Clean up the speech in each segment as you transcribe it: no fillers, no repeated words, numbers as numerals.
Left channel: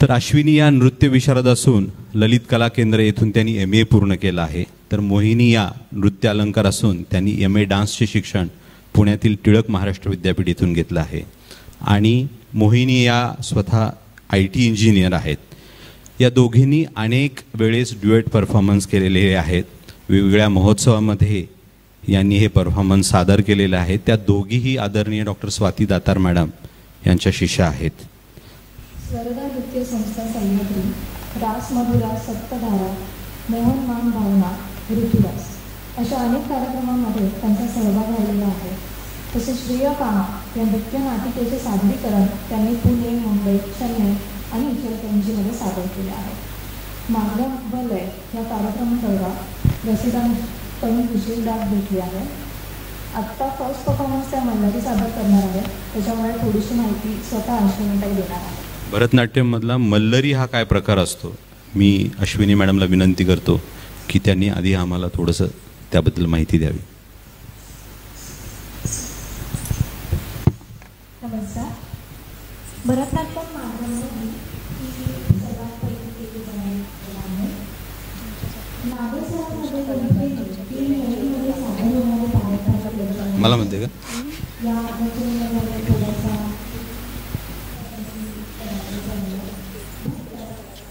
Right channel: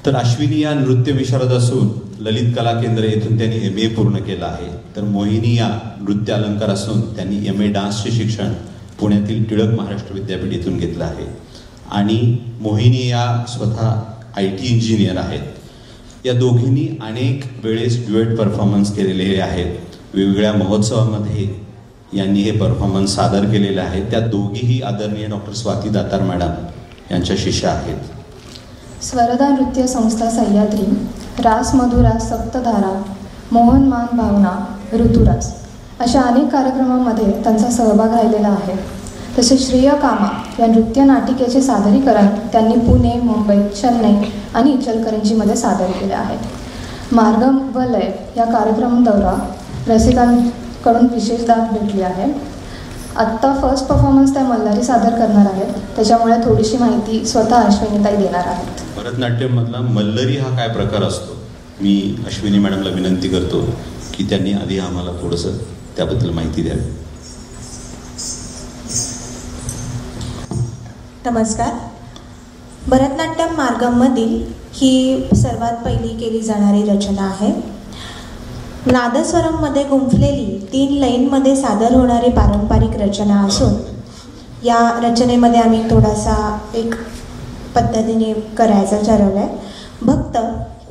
तर अश्विनी या नृत्य विशारद असून ललित कला केंद्र येथून त्यांनी MA पूर्ण केलं आहे. तर मोहिनी या नृत्य अलंकार असून त्यांनी MA डान्सचे शिक्षण पुण्यातील टिळक महाराष्ट्र विद्यापीठ येथून घेतलं आहे. आणि मोहिनी या स्वतः IT इंजिनियर आहेत. या दोघींनी अनेक वेळेस ड्युएट परफॉर्मन्स केलेले आहेत. वेगवेगळ्या महोत्सवामध्ये यांनी हे परफॉर्मन्स सादर केलेले आहे. त्या दोघीही आदरणीय डॉक्टर स्वाती दातार मॅडम यांच्या शिष्या आहेत. स्वरदा नृत्य संस्था सह्याद्री, रास मधुरास सप्तधारा, मोहनमान भावना, ऋतुरास अशा अनेक कार्यक्रमांमध्ये त्यांचा सहभाग राहिलेला आहे. तसे श्रेय कामा या नृत्य नाटिकेचे सादरीकरण त्यांनी पुणे, मुंबई, चेन्नई आणि इचलकरंजीमध्ये सादर केले आहेत. मार्गम व लय या कार्यक्रम दौरा रसिकांकडून विशेषदा भेटली आहे. आत्ता फर्स्ट परफॉर्मन्स त्या मल्हारी सादर करणार आहेत, त्याच्यामुळे थोडीशी माहिती स्वतः अश्विनीताई देणार आहेत. भरतनाट्यममधला मल्लरी हा काय प्रकार असतो, मी अश्विनी मॅडमला विनंती करतो की त्यांनी आधी आम्हाला थोडंसं त्याबद्दल माहिती द्यावी. नमस्कार. भरतनाट्यम मार्गममधील ही सर्वात पहिली केली जाणारी रचना आहे. नादस्वरममध्ये गुंफलेली 3 लाईनमध्ये सादर होणारी पारंपरिक रचना असून या रचनेमध्ये आम्ही थोडासा एक पद्धतीने करायचं ठरवलं आहे. भक्त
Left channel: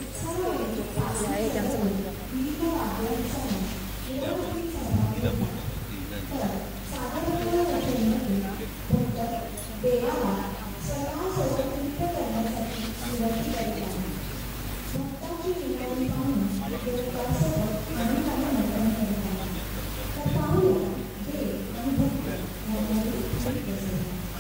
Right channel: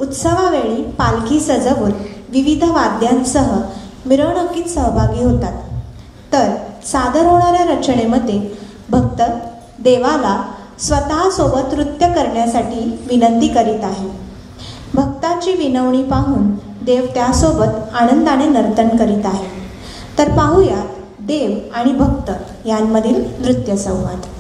उत्सवावेळी पालखी सजवून विविध वाद्यांसह मिरवणुकीत सहभागी होतात. तर सादर होणाऱ्या रचनेमध्ये भक्त देवाला स्वतःसोबत नृत्य करण्यासाठी विनंती करीत आहे. भक्ताची विनवणी पाहून देव त्यासोबत आनंदाने नर्तन करीत आहे. तर पाहूया देव आणि भक्त यांमधील नृत्य संवाद.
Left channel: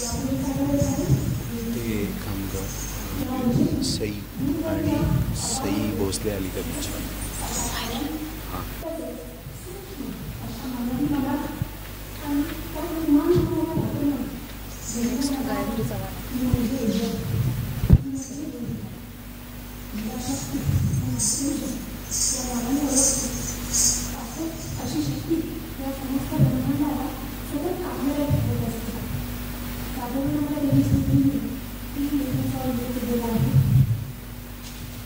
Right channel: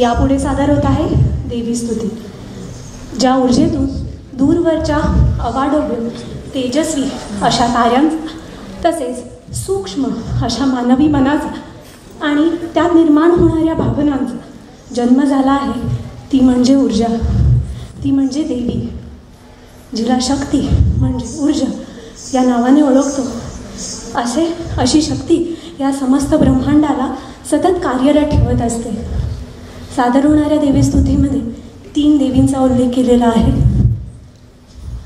यापुढे सादर होत आहे देवी स्तुती. ज्या ऊर्जेतून दूरवरच्या अवाढव्य तेजस्वी अशा ताऱ्यांचा तसेच सूक्ष्म अशा मानवी मनाचा आणि त्यात निर्माण होणाऱ्या भावनांचा जन्म झाला आहे, ती म्हणजे ऊर्जा, ती म्हणजे देवी, जिला शक्ती म्हणजे ऊर्जा या नावाने ओळखतो. अशी शक्ती या समस्त ब्रह्मांडाला सतत कार्यरत ठेवत असते. सादर होणाऱ्या देवीस्तुतीमध्ये 3 देवींचा उल्लेख केलेला आहे.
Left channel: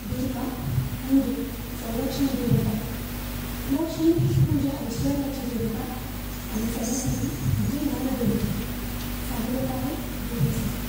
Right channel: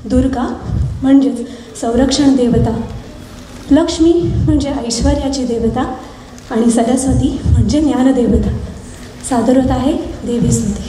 दुर्गा म्हणजेच संरक्षण देवता, लक्ष्मी म्हणजे ऐश्वर्याची देवता आणि सरस्वती म्हणजे ज्ञानदेवता. सादर होत आहे देवीस्तुती.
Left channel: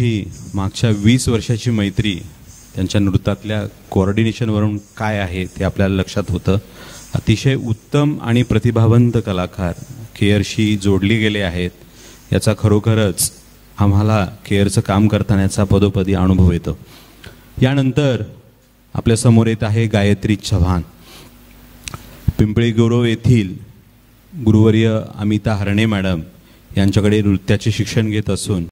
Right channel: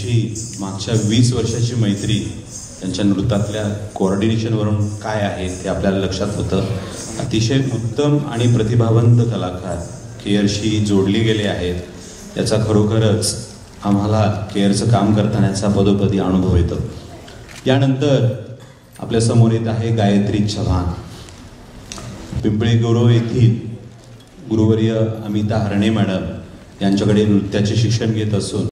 त्यांची मागच्या 20 वर्षाची मैत्री त्यांच्या नृत्यातल्या कोऑर्डिनेशनवरून काय आहे ते आपल्याला लक्षात होतं. अतिशय उत्तम आणि प्रतिभावंत कलाकार केअरशी जोडली गेले आहेत याचा खरोखरच आम्हाला केअरचं काम करतानाचा पदोपदी अनुभव येतो. यानंतर आपल्या समोर येत आहे गायत्री चव्हाण. पिंपळे गुरव येथील गुरुवर्य अमिता हरणे मॅडम यांच्याकडे नृत्याचे शिक्षण घेत असून